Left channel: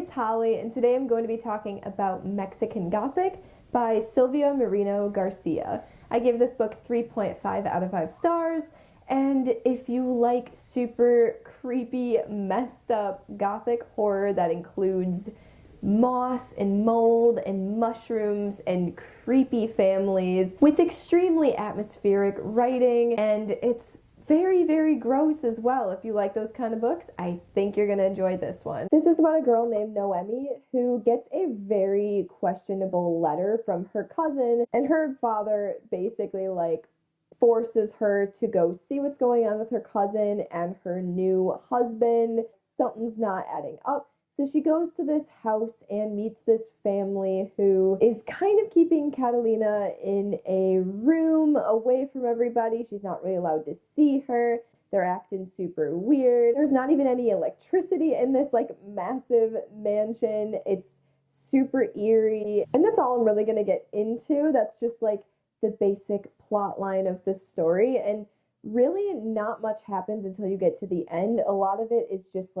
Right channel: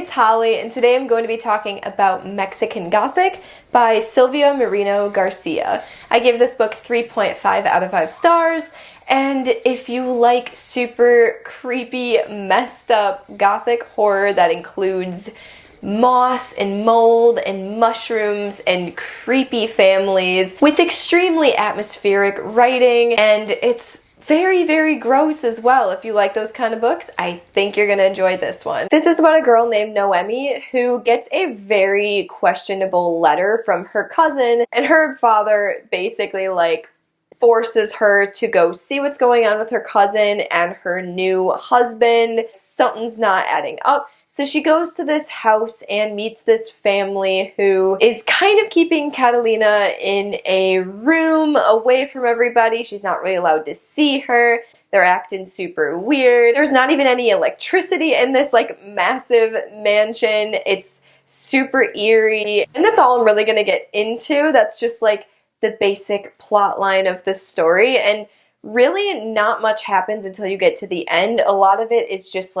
it's Holly, and today I'm going to be talking about Mexican Gothic by Silvia Mareno-Garcia. I gave this book 3.5 out of 5 stars, and if you like super creepy, messed up Gothic horror that includes moss and mold and mushrooms and creepy families with extremely atmospheric writing, and it's very, very gross as well. If you like those kind of books, I think you're gonna enjoy this one. This is about a girl named Noemi who gets a very questionable letter from her cousin, and her father basically forces her to go see what's going on with her cousin and her new husband. Something's not adding up. So she goes to this house and meets this family who is kind of keeping Catalina in a room away from everybody. She's not really allowed to see her. They're acting super weird. There's not even any electricity in this massive mansion. It's super eerie. And that's all I'm really gonna get into. That's just the basic plot line of the story, and really not much happens until you get to the end. A lot of it is just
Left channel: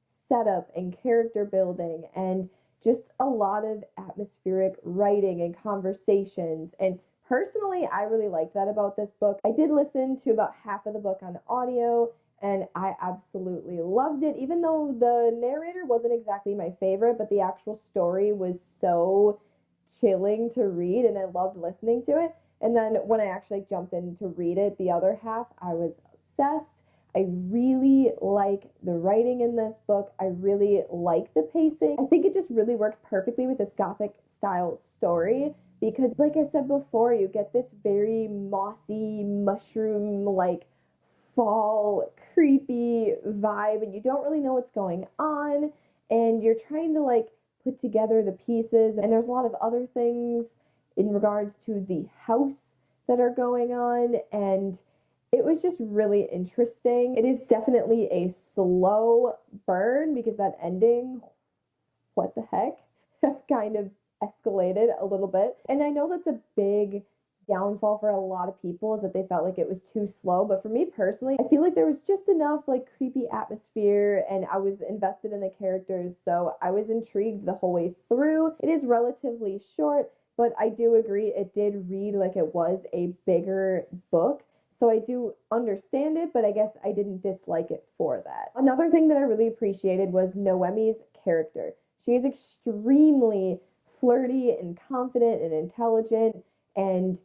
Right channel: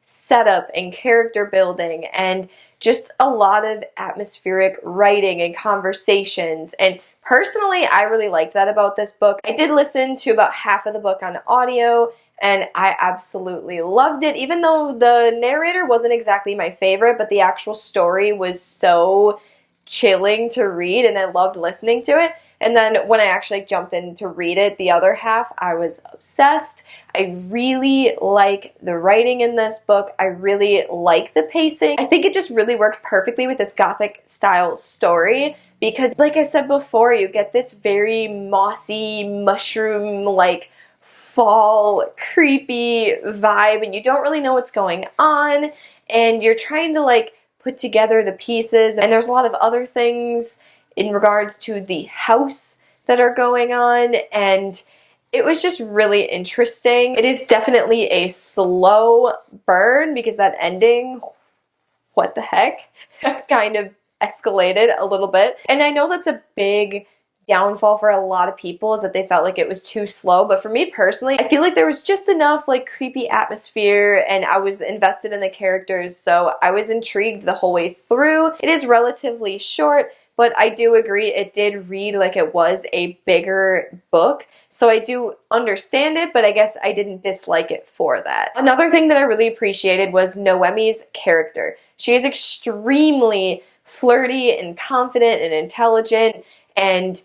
setup and character building and just a lot of atmospheric writing and conversations, and personally I really liked that about this book. I did listen to about half of the book on audio and I absolutely loved it, even though the narrator wasn't exactly my favorite, but the actual story was so chilling to read and I loved listening to it. And then when I actually jumped in to read it, the other half, I was obsessed. I really like the writing in this book. I really like the pacing. I think it just really works perfectly with this Gothic style story because, like I said before, you get this very mossy, mushroom, fall, creepy vibe, and you don't really know what's going on, and you're trying to put together the pieces, and there's a lot of other things in regards to the house that are going on, and it was just really interesting. It is definitely a slow burn because that ending, what the heck, kind of escalated a little bit. And I know that's a big downfall for a lot of people, is that they felt like it was too slow, but for me personally, I feel like there was just enough creepy atmosphere and I was invested in the characters, so I was intrigued the whole way through. It is relatively short, but I do agree it did read like it was a bigger book, so I do understand it, but I guess I didn't dislike it for that. Another thing that I really appreciated was Noemi's character. She is extremely flirty and confident and intelligent, and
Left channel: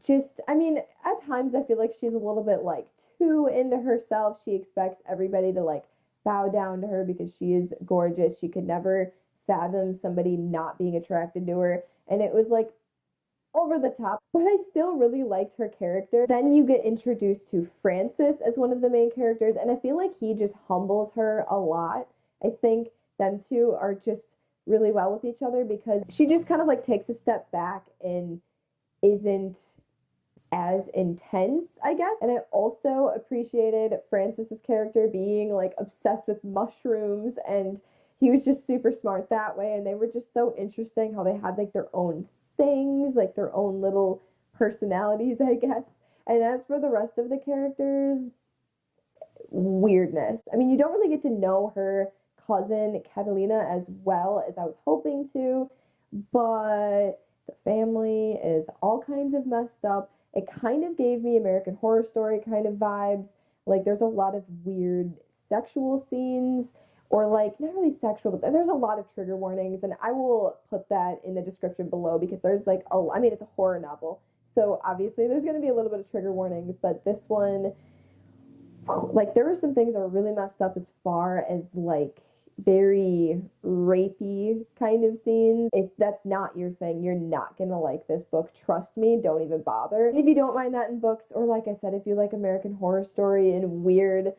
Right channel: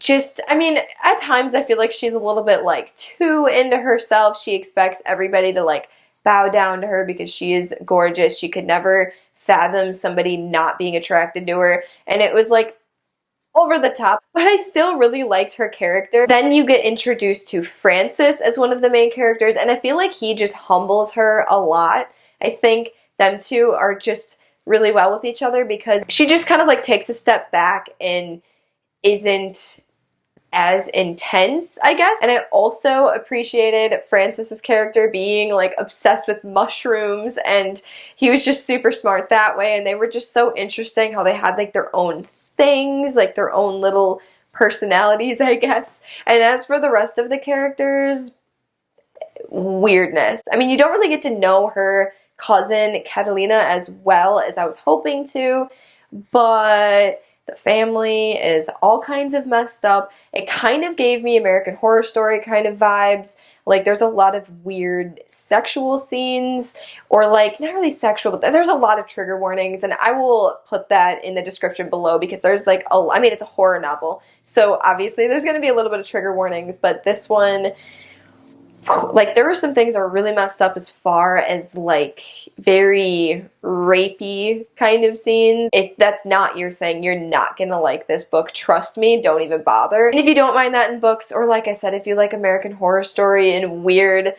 just, I mean, at times I feel like she's a little bit too into herself. She expects everybody to bow down to her because she is gorgeous. She could never fathom somebody not being attracted to her, and it was over the top, but I still really liked her character. Then you get introduced to Francis as one of the main characters, and I feel like he just humbles her a lot. I think them two are just really well with each other because she just kind of takes a step back and isn't as intense, I guess. And I also appreciated Francis's character being obsessed with mushrooms, and he was just super smart that way, and they were just so interesting how they had their own things, their own little personalities, I guess. And as for the rest of the characters, weirdness. I mean, you don't really get to know her cousin Catalina as well as I was hoping to, but the family is all kinds of messed up. It kind of gave me American Horror Story kind of vibes. There's a lot of weird sexual scenes, or not really sexual, but there's a lot of trigger warnings, and I will put that in the description below because there's I mean, it's a horror novel, so obviously there's going to be a little bit of trigger warnings, but this one, there were some things that were really messed up as far as very rapey kind of scenes. If that's not your thing, you're not gonna like this book. Trust me, don't even bother. And if you don't mind that in books, or like I said, if you like American Horror Story and weird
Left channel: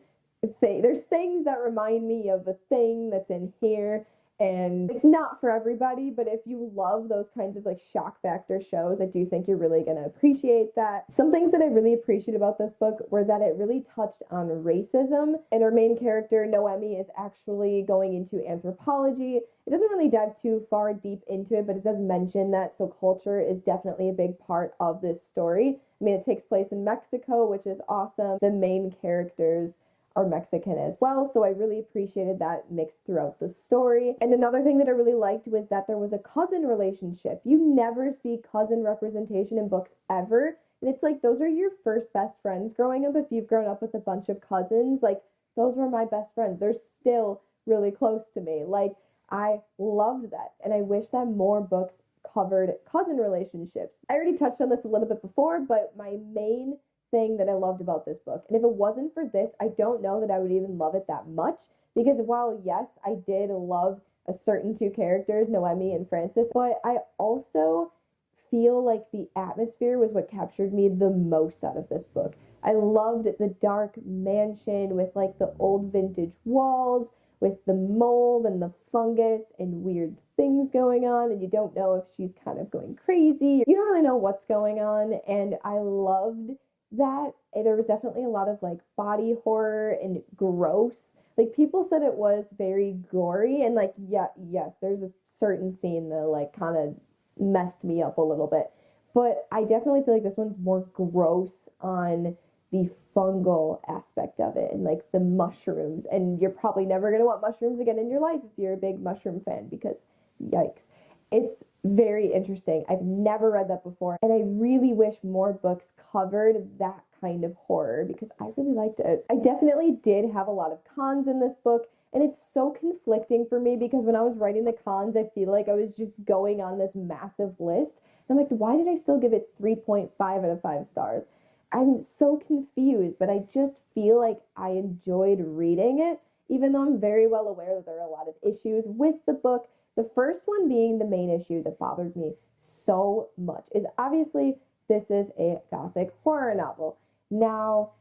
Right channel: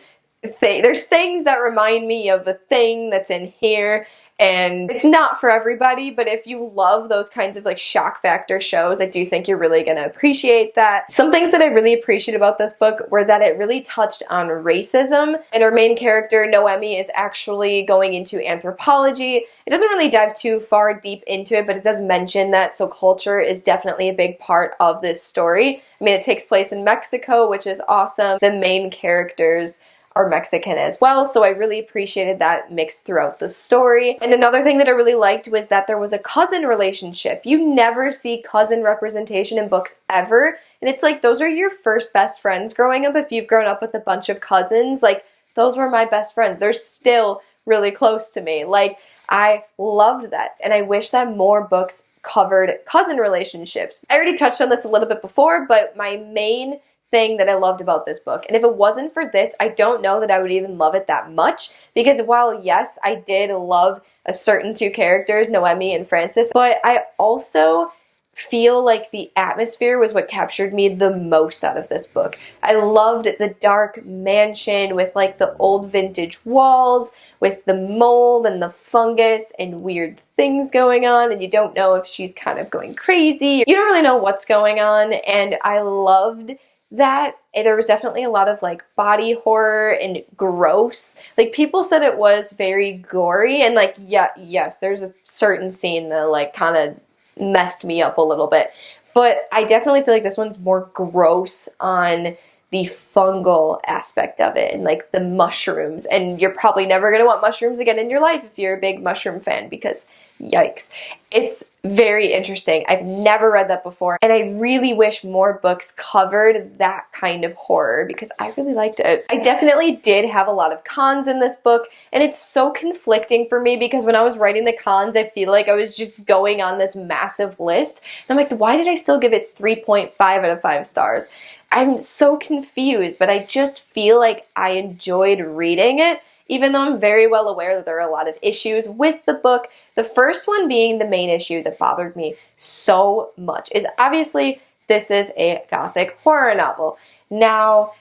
there's things that remind me of a thing that's in here, and it's not for everybody, but if you love those kinds of shock factor shows, I do think you're really gonna appreciate that. Some things that I really appreciate about this book were that it really touched on racism, and our main character, Noemi, is actually going into anthropology. It doesn't really dive too far deep into it, but it does mention that, so culture is definitely a big part of this story. I mean, it takes place in Mexico, which is awesome. The main characters are Mexican as well, so I really appreciated that mixed throughout the story. And another thing that I really liked was that there was a cousin relationship. You never see cousin representation in books ever, and it's like those are your first best friends growing up. If you've grown up with a bunch of cousins, like those were my best friends. They're still really close to me. Like, I loved that, and I wish that more books covered cousin relationships. I already touched on this a little bit before, but my main thing that I loved about this book, and if it wasn't for this, I don't know that I would even love it that much, because while yes, I did love a certain two characters, Noemi and Francis, but I also feel like the atmosphere was what captured me the most out of this book. I loved the dark mansion with like the old vintage walls, with the mold and the fungus and weird things going on, and you don't know if she's kind of going crazy. You don't really know what's going on, and I loved that. There was definitely a lot of like body horror and gross. Like, people said it was very gory, and like, yeah, yes, there's a certain scene that like kind of messed me up a little bit, but I definitely feel like this one's more gross on the fungal aspect of it and like the mushrooms, and you're probably never going to want mushrooms again in your life if you're a big mushroom fan, because yikes. It's very interesting. I've never read that before, and I really wish more books covered that kind of horror because I really liked it. I definitely did have a lot of cons in this book, and it's so conflicting for me because when I was writing the cons, I feel like I was just going on this massive list, and I'm like, why did I still give it 3.5 out of 5 stars? I'm so confused, but I just feel like I enjoyed reading it, even though I'm very well aware that there are a lot of issues with the book. The first one being the main issue that bothered me so much is obviously this is a Gothic horror novel. Now,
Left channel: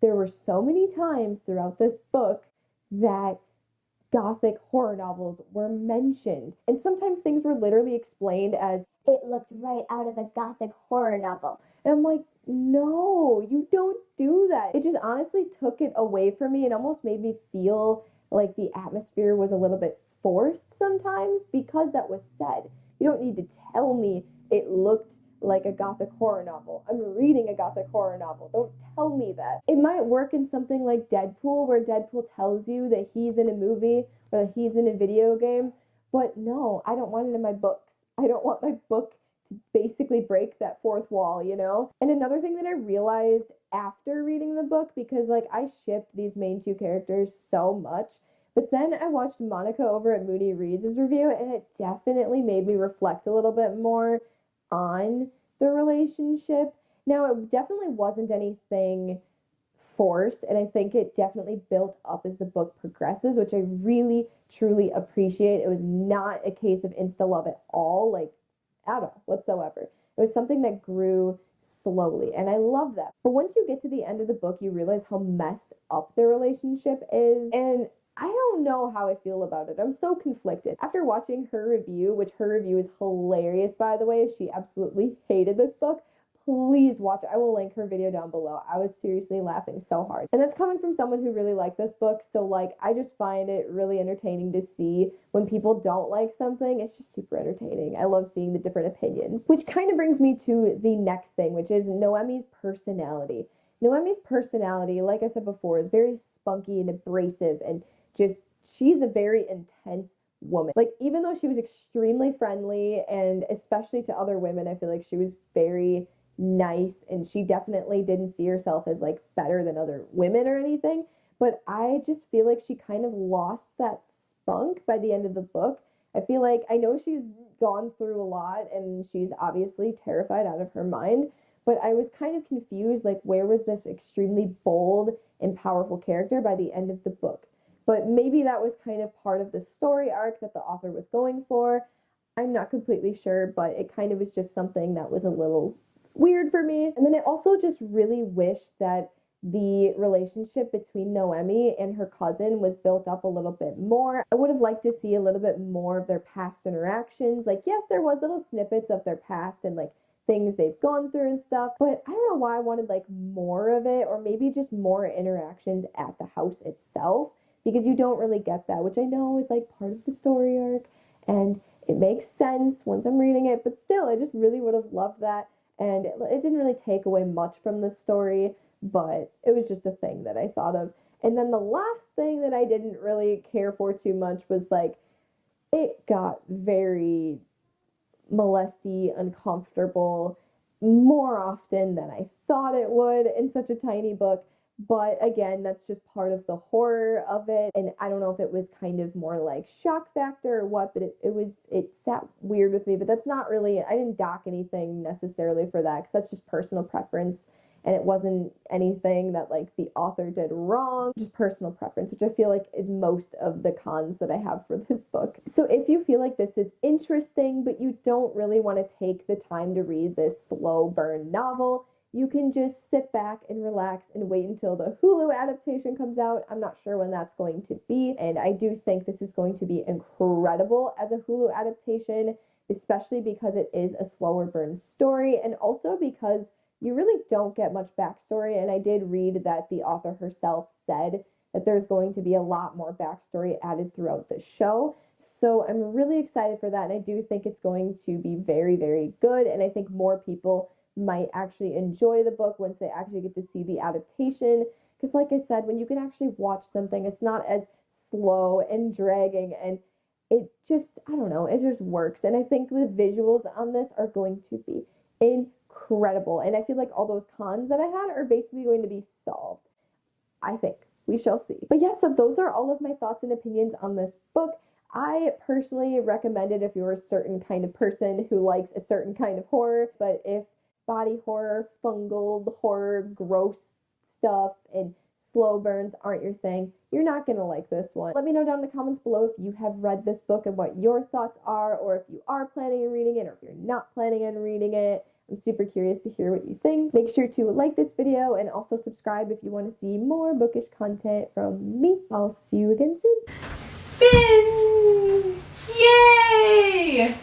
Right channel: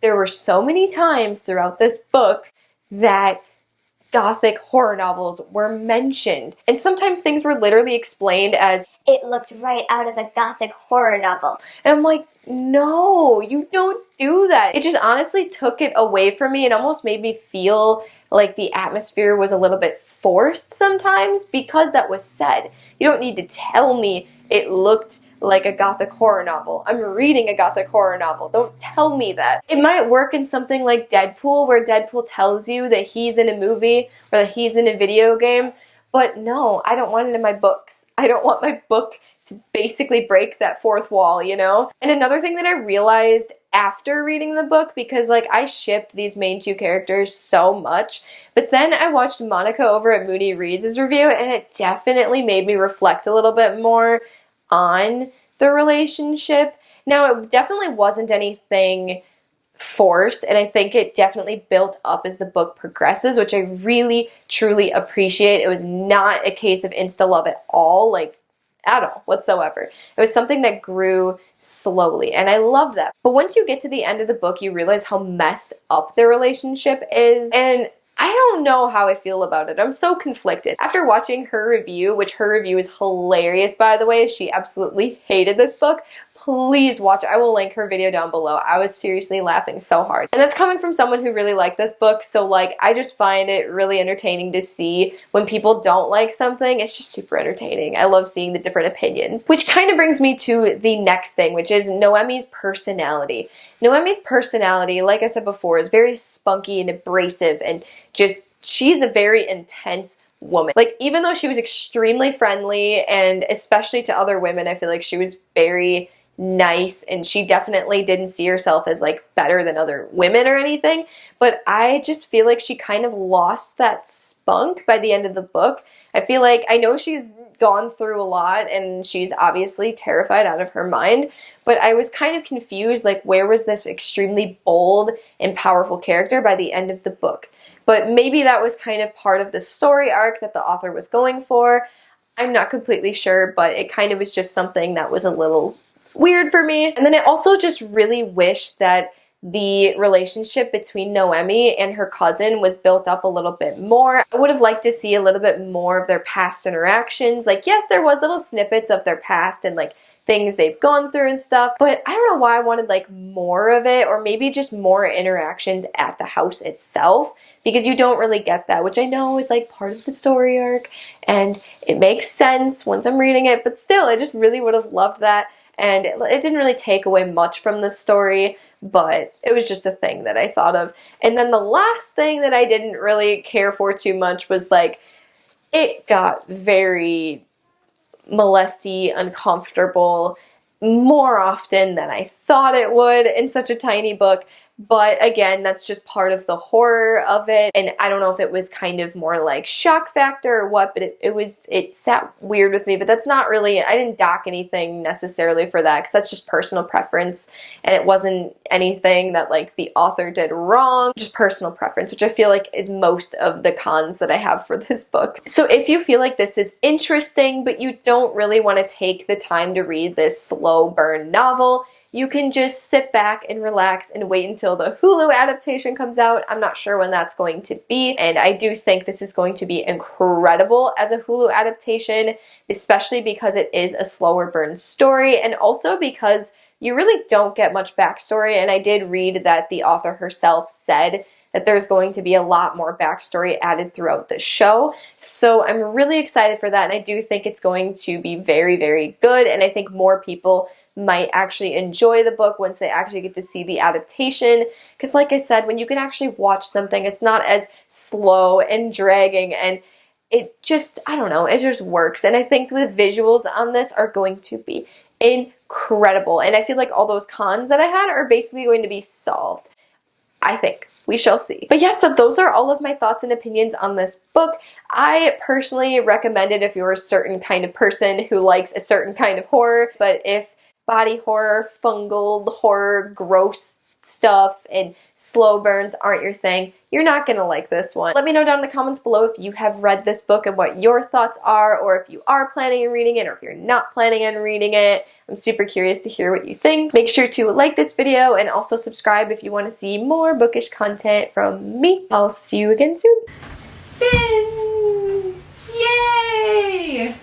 there were so many times throughout this book that Gothic horror novels were mentioned, and sometimes things were literally explained as, it looked right out of a Gothic horror novel. and I'm like, no, you don't do that. It just honestly took it away from me and almost made me feel like the atmosphere was a little bit forced sometimes because that was said. You don't need to tell me it looked like a Gothic horror novel. I'm reading a Gothic horror novel. Don't tell me that. It might work in something like Deadpool, where Deadpool tells you that he's in a movie or that he's in a video game, but no, I don't want it in my books. I don't want my book to basically break that fourth wall, you know? And another thing that I realized after reading the book, because like I shipped these main two characters so much, but then I watched Monica over at Moody Reads' review, and it definitely made me reflect a little bit more on the relationship. Now, it definitely wasn't anything forced, and I think it definitely built up as the book progresses, which I really, truly appreciate. It was not a case of insta-love at all, like at all whatsoever. It was something that grew slowly, and I love that. But once you get to the end of the book, you realize how messed up their relationship is, and I don't know how I feel about it. I'm so conflicted. After watching her review, which her review is hilarious, by the way, she absolutely hated this book. Please watch it. I will link her video down below. I was seriously laughing so hard. And that's coming from someone who really liked this book, so like I just find it really entertaining to see when people don't like something. It's just super entertaining. I love seeing the different opinions. Which kind of brings me to the next thing, which is Noemi's personality. Noemi's personality, like I said before, is very spunky and abrasive, and just, she's a very intense woman. Like, even though she was extremely friendly, and especially to other women, I feel like she was very nice, and she definitely didn't see herself as like better than other women or anything, but I just feel like she kind of lost that spunk by the end of the book. I feel like, I know she's gone through a lot and she's obviously terrified out of her mind, but I was kind of confused, like where was this extremely bold and powerful character by the end of the book? But maybe that was kind of part of the story arc that the author was going for. I'm not completely sure, but it kind of was just something that was a little weird for me. And then I also just really wish that the relationship between Noemi and her cousin was built up a little bit more. I would have liked to see a little bit more of their past interactions. Like, yes, there was little snippets of their past and like things they've gone through and stuff, but I don't know why I wanted like more of it, or maybe just more interactions at the house itself, because you don't really get that, which I know is like part of the story arc and it makes sense once I'm reading it, but still, I just really would have loved that. and it didn't really take away much from the story, but it was just a thing that I thought of. And then the last thing that I didn't really care for too much was like, it got very molesty, uncomfortable more often than I thought it would in such a tiny book. But again, that's just part of the horror of it. And I don't know if it was kind of more like shock factor or what, but it sat weird with me. But that's not really, I didn't dock anything necessarily for that, because that's just personal preference. And it wasn't anything that like the author did wrong, just personal preference, which I feel like is most of the cons that I have for this book. So if you feel like this is interesting, but you don't really want to take the time to read this slow burn novel, you can just sit back and relax and wait until the Hulu adaptation comes out. I'm not sure when that's going to be, and I do think this is going to be incredible as a Hulu adaptation, especially because it is a slower burn story, and also because you really don't get much backstory. And I did read that the author herself said that there's going to be a lot more backstory added throughout the show. So I'm really excited for that, and I do think it's going to be very, very good, and I think more people might actually enjoy the book once they actually get to see the adaptation. Because like I said, when you can actually watch something, it's not as slow and dragging, and it just, I don't know, it just works. And I think the visuals on this are going to be incredible. And I feel like all those cons that I had are basically going to be solved. I think. We shall see. But yeah, so those are all of my thoughts and opinions on this book. I personally recommend it if you're a certain kind of person who likes a certain kind of horror, but if body horror, fungal horror, gross stuff, and slow burns aren't your thing, you're not gonna like this one. Let me know down in the comments below if you have read this book and what your thoughts are, or if you are planning on reading it, or if you're not planning on reading it. I'm super curious to hear what you think. Make sure to like this video and also subscribe if you want to see more bookish content from me. I'll see you again soon. Spin! Yay!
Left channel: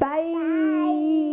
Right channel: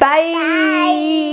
Bye! Bye.